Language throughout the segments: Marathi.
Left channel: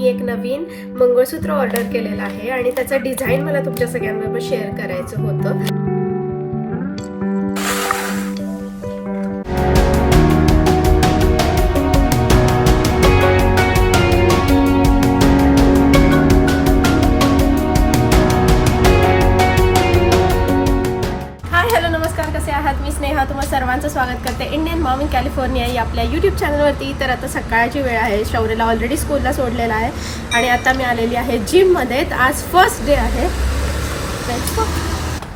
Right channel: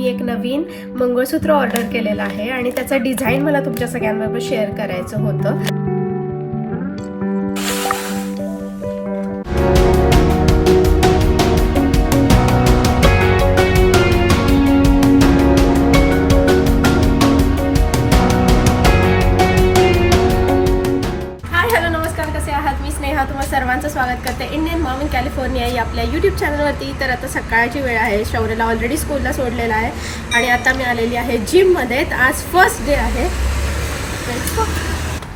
मी एक नवीन मंगळसूत्र ऑर्डर केलेलं आहे आणि त्याचं डिझाईन मला तुमच्या सगळ्यांबरोबर शेअर करायचं होतं. मॉम इन कॅलिफोर्निया या आपल्या यूट्यूब चॅनलवरती तर आता सकाळची वेळ आहे शौर्यला ऑलरेडी स्कूलला सोडलेला आहे आणि आता मी आलेली आहे जिममध्ये आज फर्स्ट डे आहे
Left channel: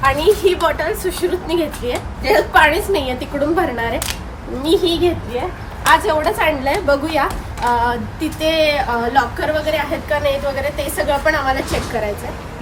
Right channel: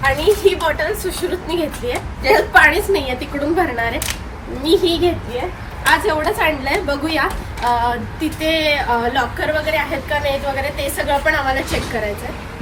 आणि ही बॉटल सुश्रुतनी घेतली आहे पाणीच नाही आहे तिकडून भरणार आहे मी ही घेतली आहे आज एवढंच आणलंय बघूया तिथे लॉकर वगैरे आहेत का नाहीत वगैरे ते सगळं पण आम्हाला चेक करायचं आहे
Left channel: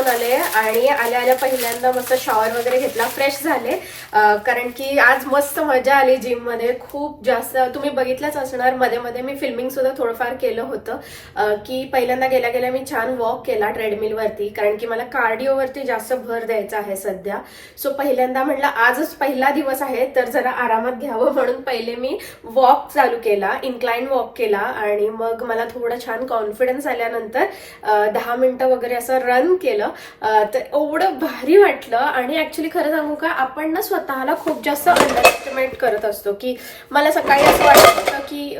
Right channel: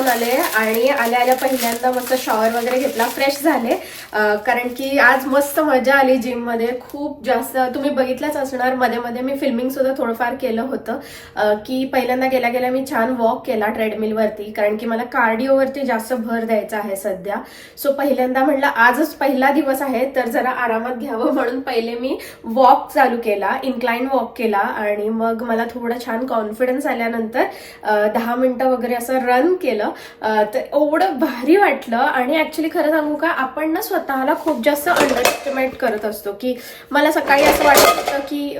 una ley आणि आल्या आल्या पहिल्यांदा मस्त शॉवर वगैरे घेतला. फ्रेश झाले. कारण की आज मस्त मजा आली जिममध्ये. खूप जास्त तुम्ही बघितलंच असणार मध्ये मध्ये मी फिल्मिंग सुद्धा थोडंफार केलं होतं. की पहिल्यांदा गेल्या गेल्या मी छान वॉक केला ट्रेडमिल वरती. कारण की मला कार्डिओवरती जास्त भर द्यायचा आहे सध्या. सो पहिल्यांदा म्हटलं आजच पहिला दिवस आहे तर जरा आरामात घ्यावं म्हणून पहिले मी वॉक चालू केला इन्क्लाइन वॉक केला. आणि मग मला थोडं छान कॉन्फिडन्स आल्यानंतर दहा मिनिटं वगैरे असं रन केलं. तर एवढं भारी वाटलं. आणि ऍक्च्युली खरं सांगू का आपण ना स्वतःला खूप जास्त अंडरएस्टिमेट करत असतो की मला सकाळी असं वाटत होतं की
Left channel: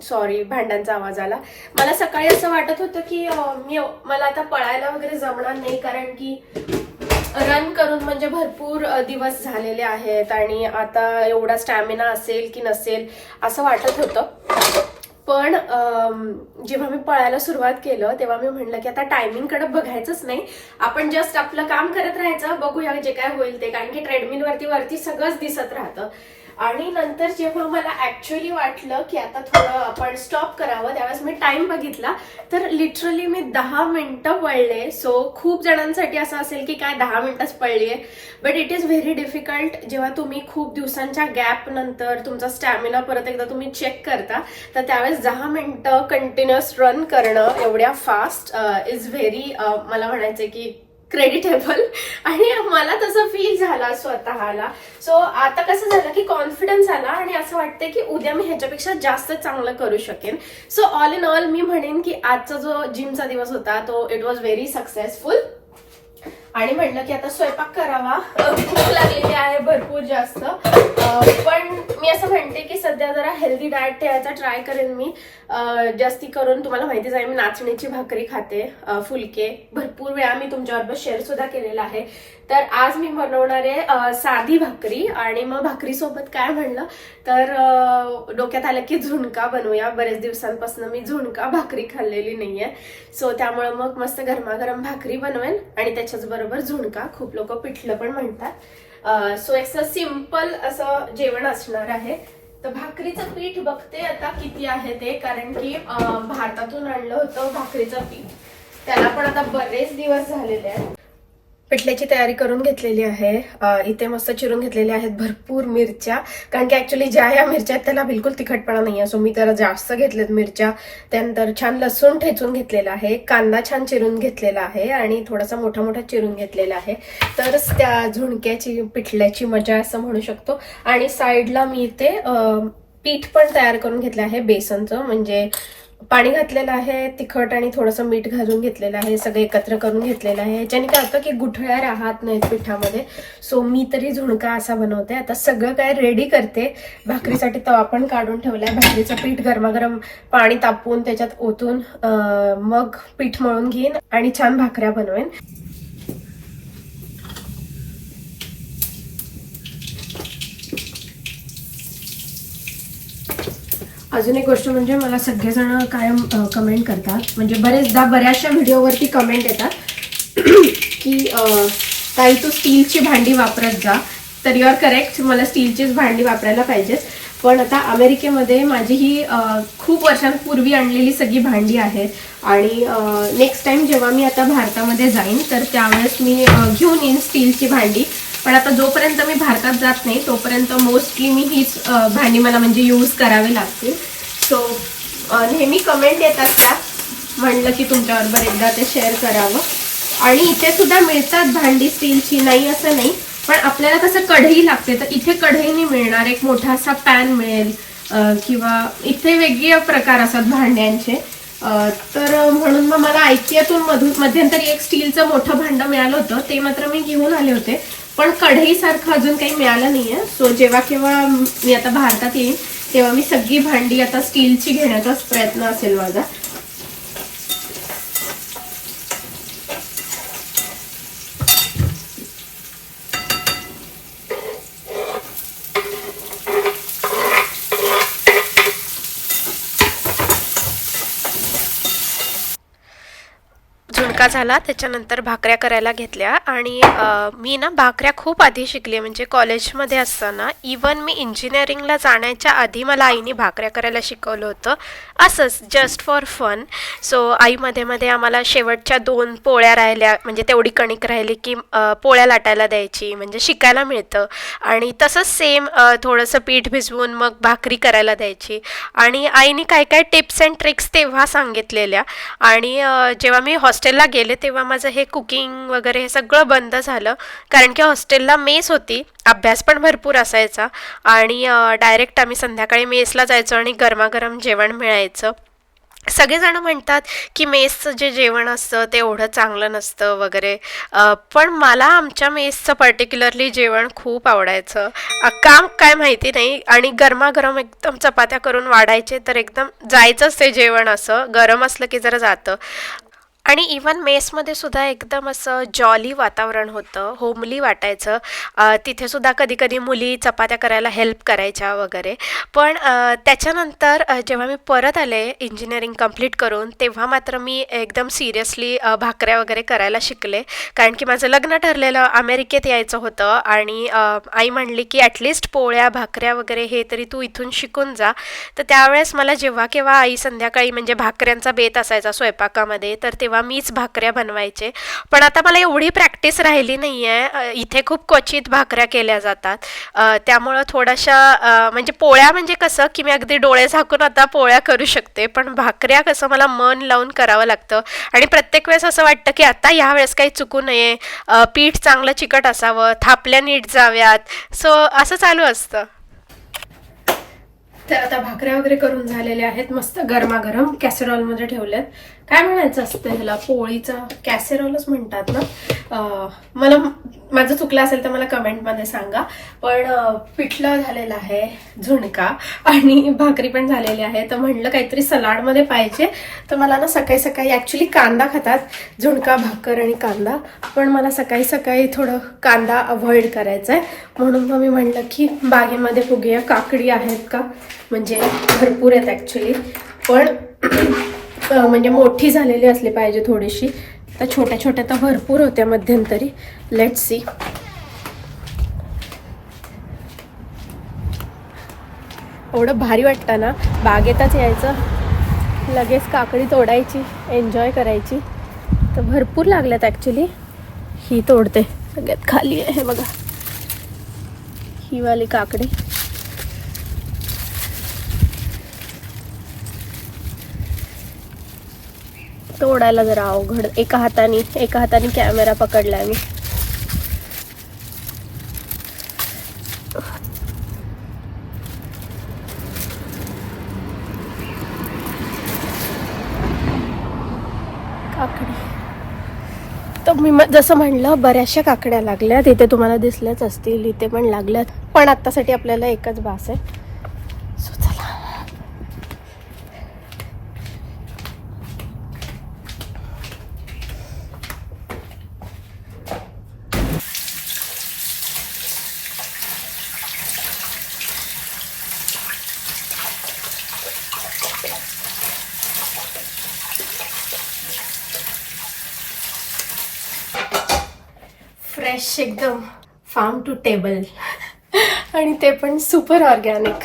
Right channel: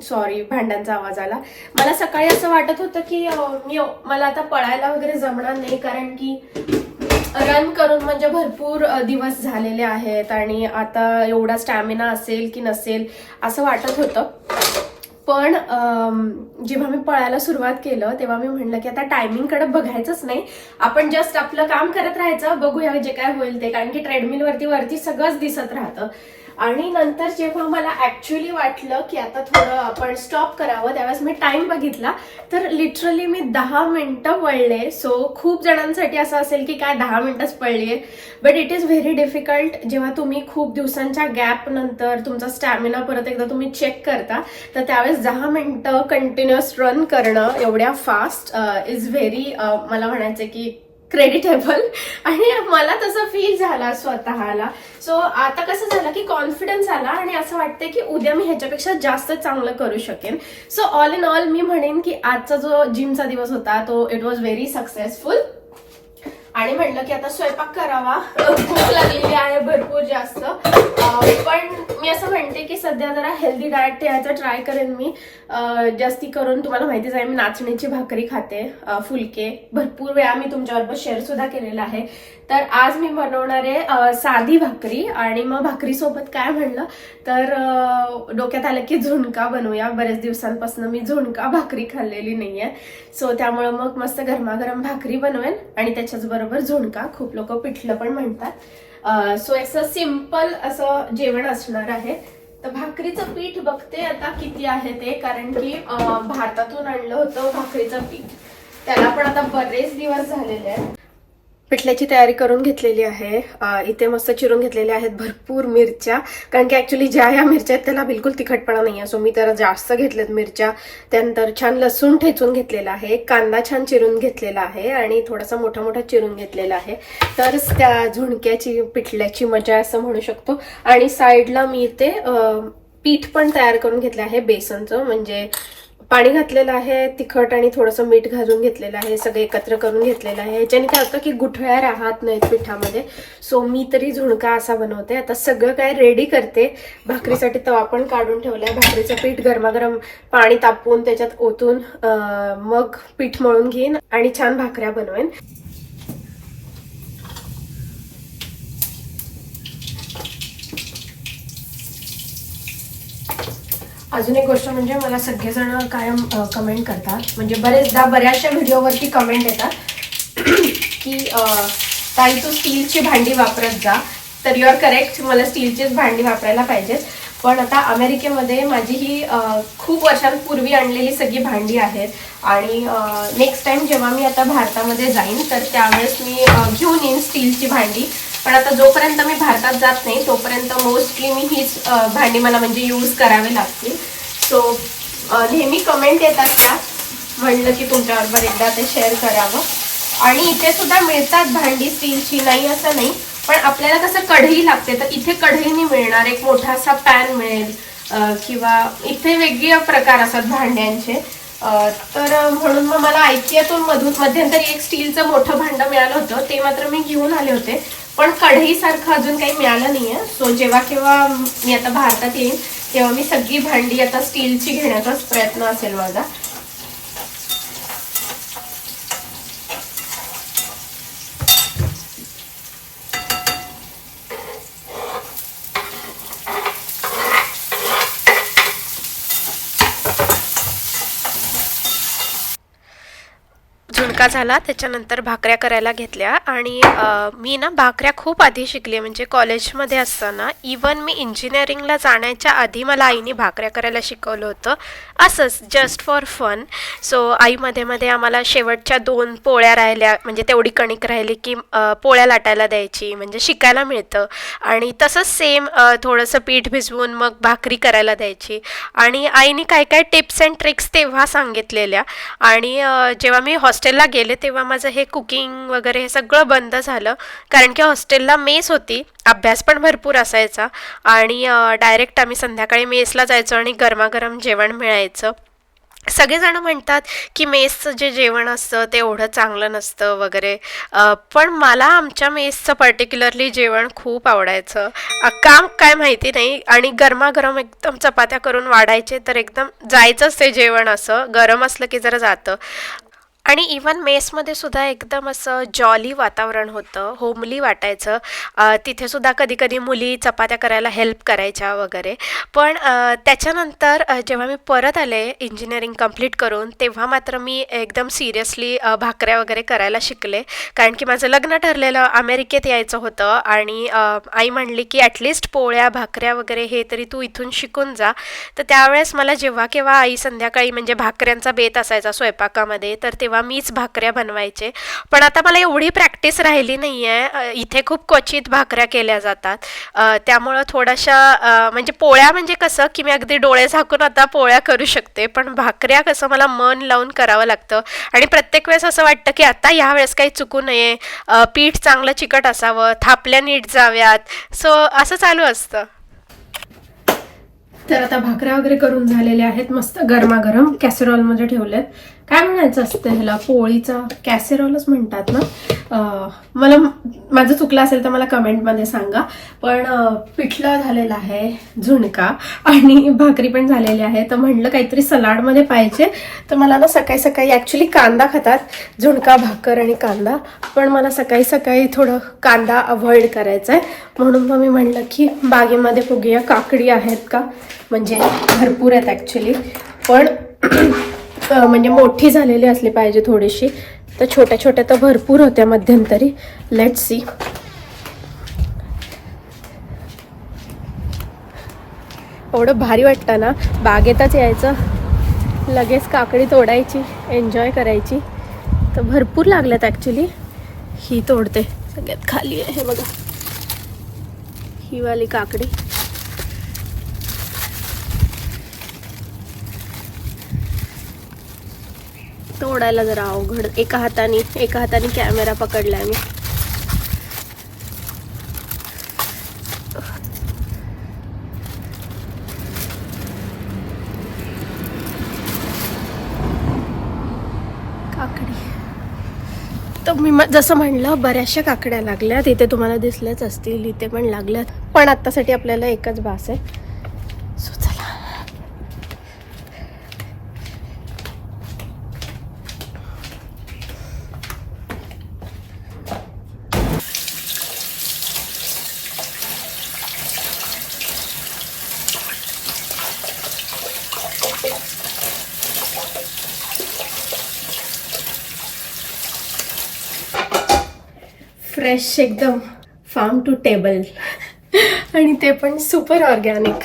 सॉरी भांड्यांचा आवाज आला. मला सकाळी असं वाटत होतं की मी मला आता पळायला वगैरे जमणार नाही कारण की रन करून म्हणजे भरपूर दिवस झालेले आहेत आणि आता एवढा स्टॅमिना असेल की नसेल असं वाटत होतं. पण जेव्हा मी पळायला सुरुवात केलं तेव्हा मी म्हणलं की आता टायमिंगकडे बघायचंच नाही. आपण जस्ट आपलं काम करत राहायचं बघूया जे काय होईल ते. कारण की ट्रेडमिल वरती वरती सगळंच दिसत राहतं. आणि नंतर जेव्हा मला ऍक्च्युली वाटलं की आता थोडं आपण स्टॉप करावं त्यावेळेस मी टाइम बघितला तर लिटरली मी दहा मिनटं पळले सो खूप जणांसाठी असं असेल की काय दहा मिनटंच पळली आहे. But it is very difficult जेव्हा तुम्ही खूप दिवसांच्या गॅप नंतर तुमचा स्टॅमिना परत एकदा तुम्ही चेक करता तर त्यावेळेस दहा मिनटं कंटिन्युअस रन करणं एवढ्या फास्ट इज व्हेरी मला म्हणायचं की क्रेडिटेबल आणि मला तसं फील झाला स्वतःला. सो आता कसं झालं की कॉन्फिडन्स आला आणि असं वाटतंय की उद्या मी ह्याच्यापेक्षा जास्त चांगलं करू शकेन. सो ऑल इन ऑल मी म्हणेन की आजचा जो जिमचा दिवस होता तो इट वॉज व्हेरी सक्सेसफुल आणि म्हणलं की आता स्वयंपाक करावा. भूक लागलेली आहे भरपूर जास्त अं, पण मी असं म्हणते की सध्या जरा हेल्दी डाएट ठेवायचा ट्राय करेन मी. जास्ती करून तुम्हाला माहितीच आहे मी नाचणीची भाकरी खाते फुलके. भरपूर वेळा मी तुमच्याबरोबर शेअर सुद्धा केलेला आहे. तर आज मी बनवणार आहे साधी भाकरी आणि मग भाकरीसोबत काय म्हणलं? तर डोक्यात आलं की झुणका बनवूया. बरेच दिवसांपासून मी झुणका भाकरी खाल्लेली नाही आहे सो त्यामुळं मग मस्त गरमागरम भाकरी बनवेन आणि त्याच्याचबरोबर झुणका. खूप लोक पिठलं पण म्हणतात. सो एक सिंपल असं जेवण असणार आहे. तर भाकरीचं पीठ बघते आता किती आहे ते कारण की भारतातून आणलं होतं भाकरीचं पीठ. त्याला पण आता बरेच दिवस झालेले आहेत. पिठल्याची तयारी करून घेतलेली आहे. इथे मस्त चिरून घेतलेल्या आहेत भरपूर मिरच्या. कारण की ऍक्च्युली ज्या ह्या मिरच्या आहेत त्याला बिलकुल तिखटपणा नाही आहे. सो मी तर जास्त घेतलेत मिरच्या. त्यानंतर छान लसूण ठेचून घेतलेला आहे. कांदा छान चिरून घेतलेला आहे आणि थोडासा मोठा मोठा चिरून घेतलेला आहे. तरच त्या झुणक्याची पिठल्याची मजा असं म्हणू शकतो. आणि साईडला मी इथे पीठ पण तयार करून घेतलं आहे बेसनचं. म्हणजे पाणी घातलेलं आहे तिखट आणि थोडंसं मीठ घालून घेतलेलं आहे सगळं एकत्र करून घेतलेलं आहे. याच्याने काय होतं की गुठळ्या राहत नाहीत पिठामध्ये. सो मी तरी झुणका असा बनवते. आता सगळं काय रेडी करते. भाकरीसाठी तवा पण काढून ठेवलाय. भाकरीचं पीठ गरमागरम पाणी तापवून त्याच्यात ओतून मग पीठ मळून घेईन आणि छान भाकऱ्या बनवेन. अजून एक गोष्ट म्हणजे मला सगळेजण कायम कमेंट करतात. म्हणजे बरेचदा बऱ्याचशा व्हिडिओवरती कमेंट येतात की ताई तू स्टीलची भांडी वापरत जा. तर युअर करेक्ट मला स्टीलचीच भांडी वापरायला पाहिजेच पण आता अमेरिकेमध्ये माझी ही खूप वर्षांपूर्वी आणलेली सगळी भांडी आहेत. आणि नेक्स्ट टाइम जेव्हा मी आता भारतामध्ये जाईन तर त्यावेळेस मी घेऊन येईन स्टीलची भांडी. पण आता जोपर्यंत मी भारतात जात नाही तोपर्यंत मोस्टली मी हीच भांडी मला म्हणजे यूज करावी लागतील सो नेहमी कमेंट येतात त्या म्हणलं की तुमच्याबरोबर एकदा ते शेअर करावं. आणि इथे सुद्धा मिळतात भांडी स्टीलची नाही असं नाही. पण आपल्याला कसं कढई लागते तर इथे कढई नाही मिळणार. एक मोठा असा पॅन मिळेल. किंवा इथे वेगळे प्रकार असतात भांड्यांचे. तर म्हणून मग मला आयकियातून मधून मध्यंतरी एक स्टीलचं मोठं भांडं मिळालं होतं. ते मात्र मी घेऊन आले होते. पण कढईसारखं अजून काही मिळालं नाहीये. सो जेव्हा केव्हा मी आता भारतात येईन तेव्हा मी सगळी भांडी आता स्टीलची घेण्याचाच प्रयत्न असेल माझा. झुणका झाला त्याच्यानंतर भाकऱ्या करायला घेतल्या आणि मी ना भाकऱ्या खूप आधी शिकली म्हणजे कॉलेजमध्ये असताना. इवन मी इंजिनिअरिंगला जाण्याच्या आधी मला आईने भाकऱ्या करायला शिकवलं होतं. असंच जस्ट फॉर फन सो आई मध्ये मध्ये आम्हाला शेवटच्या दोन पोळ्या राहिल्या म्हणजे तेवढी कणिक राहिली की पोळ्या लाटायला द्यायची म्हणजे शिकायला मिळतं. आणि तसंच सेम थोडंसं पीठ भिजवून मग भाकरी करायला द्यायची. आणि आईने काय काय टिप्स अँड ट्रिक्स तेव्हा सांगितलेल्या. आणि जेव्हा मी हॉस्टेलला गेले तेव्हा माझं हे कुकिंग वगैरे हे सगळं बंद झालं. कारण की हॉस्टेलला मेस होती अभ्यास पण भरपूर असायचा आणि डायरेक्ट आम्ही संध्याकाळी मेसला जायचो आणि गरमागरम जेवण मिळायचं. सगळेजण म्हणतात की मेसचं जे जेवण असतं ते एवढं चांगलं नसतं वगैरे. पण मला आमच्या मेसचं पर्टिक्युलरली जेवण खूप आवडायचं. काम काय माहिती नाही आणि गरमागरम एकदम चपात्या करून वाढायचे तर एकदम जायचंच ते जेवण असं. गरम असलं की जरा जातं. आणि इवन मेसमध्ये सुद्धा एकदम असं जॉली वातावरण होतं होमली वाटायचं. तिथेसुद्धा तिथे सुद्धा कधी कधी मुली चपात्या करायला हेल्प करायच्या वगैरे. पण त्याच्यानंतर जेव्हा मी परत आले इंजिनिअरिंग कंप्लीट करून तेव्हा मात्र मी एकदम सिरियसली भाकऱ्या वगैरे करायला शिकले. कारण की माझं लग्न ठरलेलं अमेरिकेत यायचं होतं आणि आई म्हणली की ॲटलिस्ट पोळ्या भाकऱ्या वगैरे हे तरी तू इथून शिकून जा. तर त्यावेळेस मला जेव्हा केव्हा आई संध्याकाळी म्हणजे भाकऱ्यांचा बेत असायचा स्वयंपाकामध्ये तर तेव्हा मीच भाकऱ्या बनवायचे. पण आता मला एवढी प्रॅक्टिस राहिली नाही आहे इथे खूप क्वचित भाकऱ्या केल्या जातात. त्यामुळं थोड्याशा म्हणजे पोळ्या म्हणजे कसं की मी अगदी डोळे झाकून आता पोळ्या करू शकते. पण भाकऱ्या कसं मला मन लावून करावं लागतं. आणि प्रत्येक वेळेस असं वाटतं की आता ह्या वेळेस काही चुकू नये. पीठ चांगलं चिकट असावं थापल्या नीट जाव्यात. सो असं चालू असतं. तर आता भाकऱ्या वगैरे करून झालेल्या आहेत. मस्त गरमागरम कॅसेरॉलमध्ये ठेवल्यात काय म्हणायचं असतं ह्याला पोळीचा कॅसेरोलच म्हणतात ना? मला माझं चुकलं असेल तर मला कमेंटमध्ये सांगा. पण पिठलं झालेलं आहे झुणका आणि भाकरी पण झालेली आहे. तर म्हणलं काहीतरी सलाडमध्ये पाहिजे. तर मला ना सकाळी सकाळी ॲक्च्युली कांदा खातात. झुणका भाकर आणि कांदा. पण मला सकाळी सकाळी थोडं कांदा अवॉइड करायचा आहे म्हणून मग मी म्हणलं की बागेमध्ये बघूया काकडी आहेत का? म्हणजे भरपूर आहेत ॲक्च्युली पण म्हणजे मोठी झालेली असली पाहिजे थोडीशी. तर छोट्या छोट्या तर भरपूर होत्या मध्यंतरी. लेट सी एवढं भारी वाटतं ना? बागेतच यायचं. लगेच काकडी तोडायची एन्जॉय करायची. तर भरपूर लागल्यात ॲक्च्युली ही तोडते. सगळ्यात खाली आहे हे बघा. ही वाली काकडी. तोडायला जरा अवघड. एका हाताने एका हाताने कॅमेरा पकडला मी. काकडी. तर मी जसं म्हणलं बऱ्याचशा काकड्या लागल्या तिथे तुम्हाला दिसल्याच असतील इथे पण लागल्यात. पण आत्तासाठी आपल्याला एकच भास आहे. फ्रेश एकदम. फार्म टू टेबल आणि ते पण सुपर ऑर्गॅनिक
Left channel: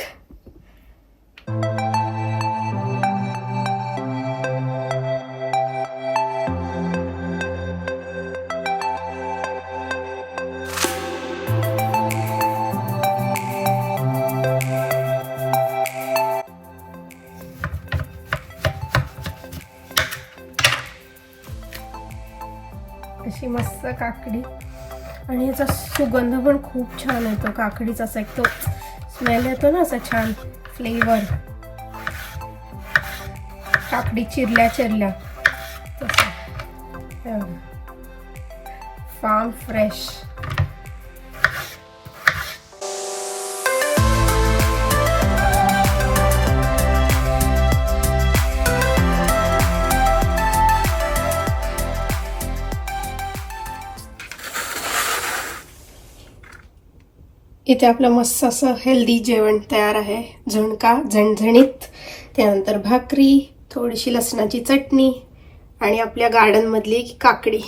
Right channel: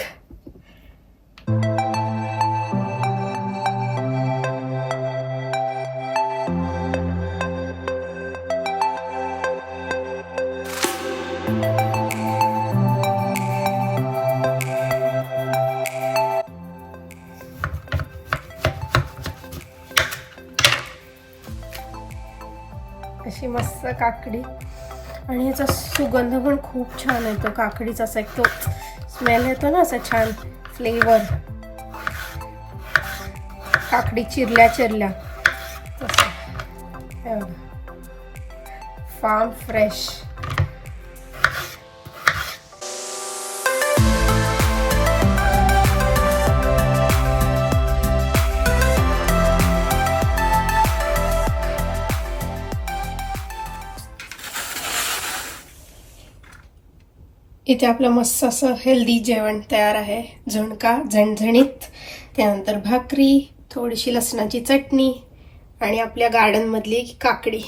अशी मस्त काकडी. आणि याचा सुगंध पण खूप छान येतो काकडीचा असा एक तो स्मेल येतो ना असा छान फ्लेवर काकडी चिरल्या चिरल्या. फार्म फ्रेश इथे आपलं मस्त असं हेल्दी जेवण तयार आहे. झुणका झणझणीत त्यानंतर भाकरी थोडीशी लसणाची चटणी आणि आपल्या गार्डनमधली काकडी.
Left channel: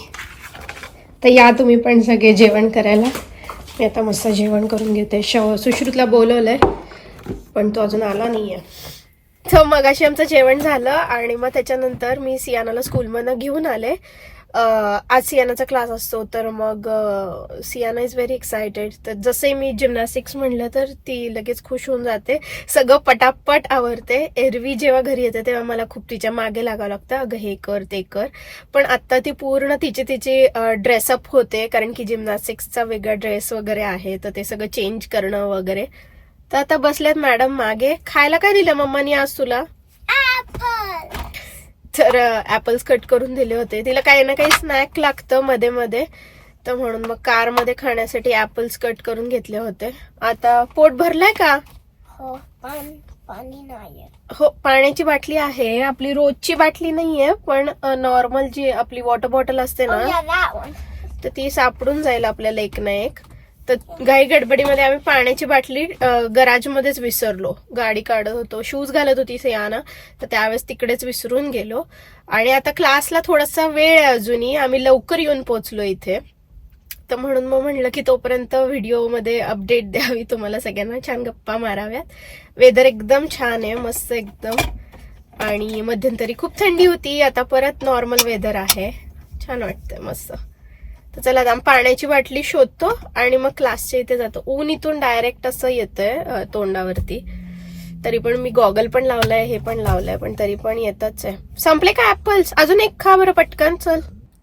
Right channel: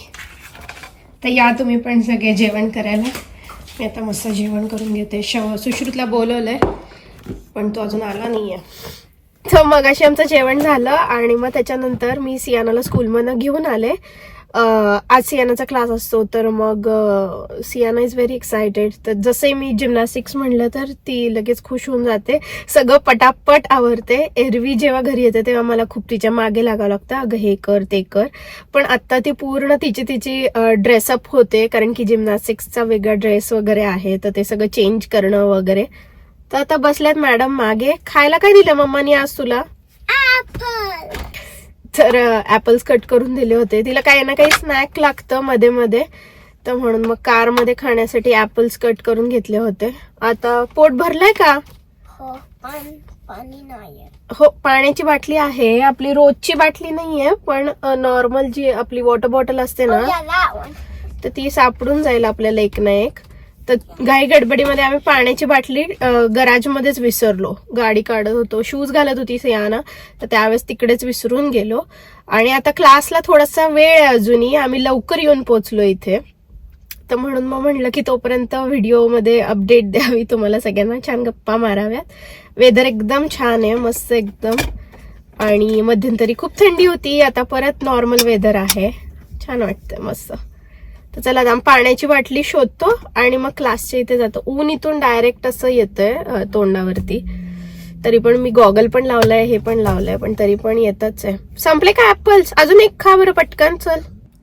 तर या तुम्ही पण सगळे जेवण करायला. मी आता मस्त जेवण करून घेते. शव सुश्रुतला बोलवलंय पण तो अजून आला नाही तर मग मगाशी आमचं जेवण झालं आणि मग त्याच्यानंतर मी सियानाला स्कूलमधनं घेऊन आले. आज सियानाचा क्लास असतो तर मग सियाना इज व्हेरी एक्सायटेड तर जसे मी जिमनॅस्टिक्स म्हणलं तर ती लगेच खुश होऊन जाते. सगळं पटापट आवडते एरवी जेव्हा घरी येते तेव्हा मला खूप तिच्यामागे लागावं लागतं. अगं हे कर ते कर. पण आता ती पूर्ण तिची तिची ड्रेसअप होते कारण की जिमनॅस्टिक्सचा वेगळा ड्रेस वगैरे आहे तर ते सगळं चेंज करणं वगैरे. तर आता बसल्यात मॅडम मागे. खायला काय दिलं मम्मानी आज तुला? तर ऍपल्स कट करून दिले होते. तिला काही ना काही स्नॅक लागतं मध्ये मध्ये. तर म्हणून मग कारमध्ये खाण्यासाठी ऍपल्स कट करून घेतले होते. आता पोट भरलंय का? हो पण हो पाण्याची बाटली आहे. आपली रोजची बाटली नाहीये पण नॉर्मल जी आपली वॉटर बॉटल असते ना तर ती सापडून जाईल आपल्याला एक ना एक. तर घाई गडबडीमध्ये आम्ही पाण्याची बाटली गराजमध्येच विसरलो. गाडी काढत होतो. शूज घालत होती सियाना. तर त्यावेळेस तिकडेच विसरून गेलो. आणि आता क्लासला थोडासा वेळ आहे अजूनही. आम्ही लवकर येऊन पोचलो इथे. तर म्हणून मग म्हणलं की तोपर्यंत व्हिडिओमध्ये अपडेट द्यावी. तुम्हाला सगळ्यांना छान गप्पा माराव्यात. वेदर एकदम छान आहे. मस्त एकदम. आणि मध्यंतरी खूप थंडी होती. आता परत नॉर्मल वेदर आहे. छान वाटतं मस्त. तर चला आता पाण्याची बाटली शोधतो आणि मग क्लासच्या इथे जातो. ऊन इथून डायरेक्ट असं येतंय तोंडावरती. तरी पण मी गॉगल पण लावलाय हे पण लावलंय पण तरी पण येतच आहे. संपले का ऍपल्स अजून एक खा बरं पटकन चल.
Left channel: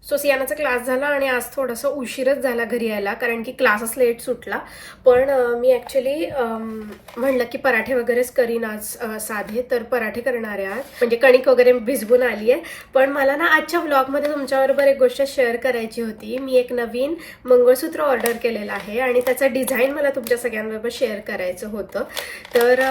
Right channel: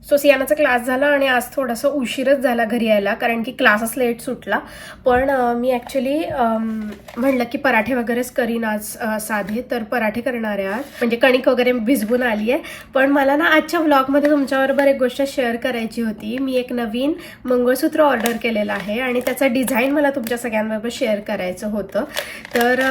सो सियानाचा क्लास झाला आणि आज थोडासा उशीरच झाला घरी यायला कारण की क्लासच लेट सुटला. पण मी ॲक्च्युली म्हणलं की पराठे वगैरेच करीन आज साधे तर पराठे करणार आहे आज. म्हणजे कणिक वगैरे भिजवून आली आहे. पण मला ना आजच्या व्लॉगमध्ये तुमच्याबरोबर एक गोष्ट शेअर करायची होती. मी एक नवीन मंगळसूत्र ऑर्डर केलेलं आहे आणि त्याचा डिझाईन मला तुमच्या सगळ्यांबरोबर शेअर करायचं होतं. तर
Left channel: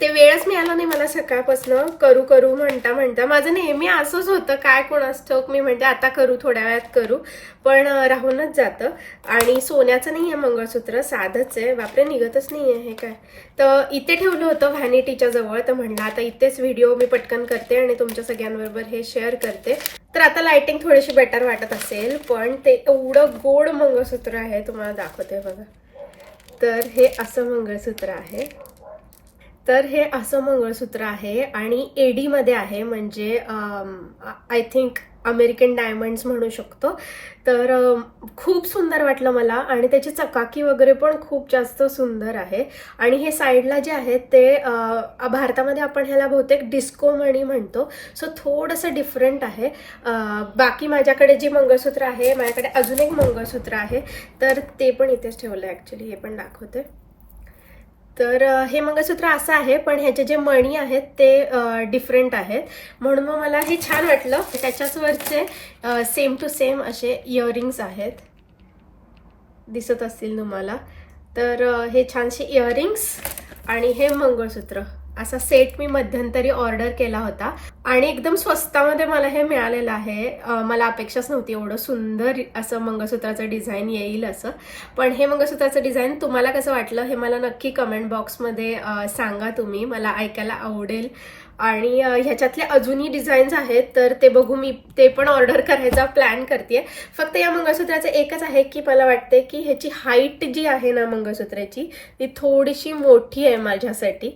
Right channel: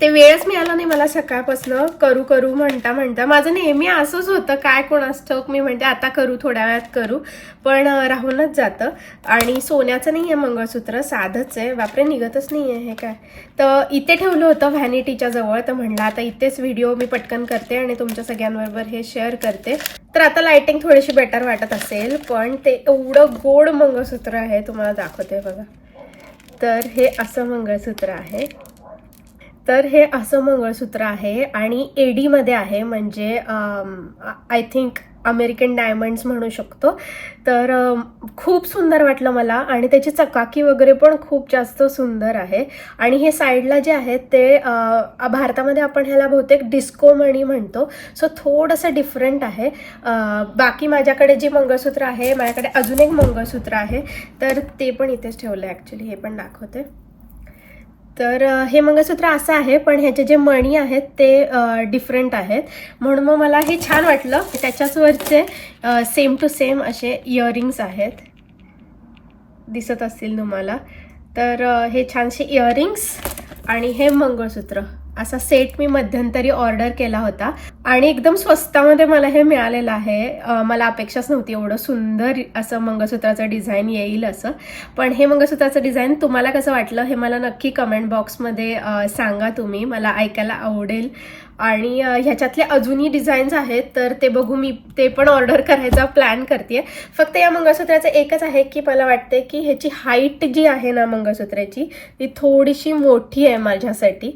ते वेळच मिळाला नाही मला सकाळपासनं. करू करू म्हणता म्हणता. माझं नेहमी असंच होतं. काय कोणास ठाऊक मी म्हणते आता करू थोड्या वेळात करू. पण राहूनच जातं. आणि सोन्याचं नाही आहे मंगळसूत्र. साधंच आहे. बापरे निघतच नाही आहे. हे काय? तर इथे ठेवलं होतं व्हॅनिटीच्या जवळ. तर म्हणलं आता इथेच व्हिडिओ मी पटकन करते आणि तुमच्या सगळ्यांबरोबर हे शेअर करते. तर आता लायटिंग थोडीशी बेटर वाटत असेल. पण ते एवढं गोड मंगळसूत्र आहे तुम्हाला दाखवते बघा. तर हे असं मंगळसूत्र आहे. तर हे असं मंगळसूत्र आहे आणि एडीमध्ये आहे म्हणजे आय थिंक अमेरिकन डायमंड्स म्हणू शकतो. तर खूप सुंदर वाटलं मला आणि त्याची चकाकी वगैरे पण खूप जास्त सुंदर आहे. आणि हे साईडला जे आहे ते भारतामध्ये आपण ह्याला बहुतेक डिस्को मणी म्हणतो. सो थोडंसं डिफरंट आहे. बाकी माझ्याकडे जे मंगळसूत्र आहे माझ्याकडे अजून एक मंगळसूत्र आहे तर ते पण इथेच ठेवलं आहे ॲक्च्युली हे पण दाखवते. तर हे मंगळसूत्र असं आहे पण ह्याचे जे मणी आहेत ते डिफरंट आहेत. म्हणून मग मला हे छान वाटलं त्याच्याचवरचे सेम टू सेम असे इयरिंग्स आहेत. दिसत असतील तुम्हाला. तर हे छानसे इयरिंग्स आणि हे मंगळसूत्र. असा सेट मी मध्यंतरी ऑर्डर केला होता. आणि एकदम स्वस्तामध्ये मला हे मिळालेलं आहे. मला अपेक्षाच नव्हती एवढं सुंदर असं मंगळसूत्राचं डिझाईन येईल असं. पण हे मंगळसूत्राचं डिझाईन तुम्हाला कसं वाटलं हे मला नक्की कमेंट बॉक्समध्ये सांगा तुम्ही. मला ऐकायला आवडेल. आणि ह्याच्यातले अजूनही डिझाईन्स आहेत तर ते बघू मी ते पण ऑर्डर करायचा प्लॅन करते फक्त या मंगळसूत्राचं एकच आहे की मला वाटते की ह्याची हाईट जी आहे ना मंगळसूत्राची ती थोडीशी मोठी आहे माझ्यासाठी.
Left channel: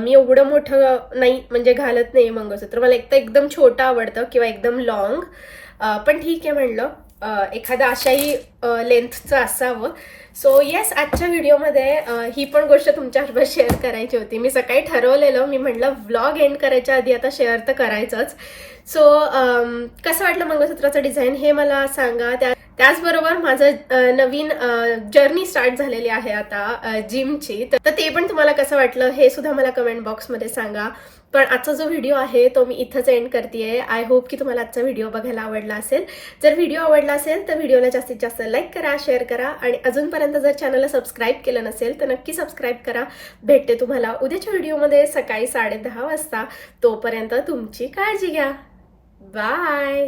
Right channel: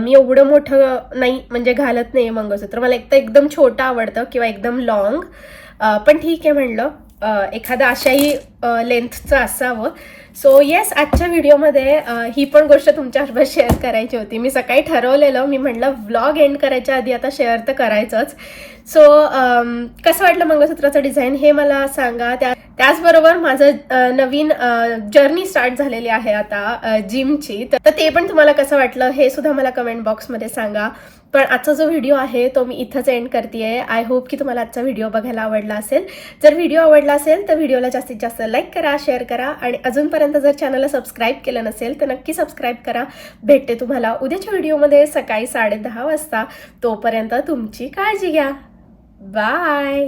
मी एवढं मोठं नाही म्हणजे घालत नाही मंगळसूत्र. मला एक तर एकदम छोटं आवडतं किंवा एकदम लॉंग पण ठीक आहे म्हणलं. एखादा एखादं अशाही लेंथचं असावं. सो येस आजच्या व्हिडिओमध्ये ही पण गोष्ट तुमच्याबरोबर शेअर करायची होती. मी सकाळी ठरवलेलं मी म्हटलं व्लॉग एंड करायच्या आधी आता शेअर तर करायचंच. सो कसं वाटलं मंगळसूत्राचं डिझाईन हे मला सांगा. त्या त्याचबरोबर माझं नवीन जर्नी स्टार्ट झालेली आहे आता जिमची तर ते पण तुम्हाला कसं वाटलं हे सुद्धा मला कमेंट बॉक्समध्ये सांगा. पण आजचा जो व्हिडिओ आहे तो मी इथंच एंड करते आय होप की तुम्हाला आजचा व्हिडिओ बघायला आवडला असेल. जर व्हिडिओ आवडला असेल तर व्हिडिओला जास्तीत जास्त लाईक करा शेअर करा आणि अजूनपर्यंत जर चॅनलला सबस्क्राईब केलं नसेल तर नक्की सबस्क्राईब करा. भेटते तुम्हाला उद्याच्या व्हिडिओमध्ये सकाळी साडेदहा वाजता. तोपर्यंत तुमची काळजी घ्या. बाय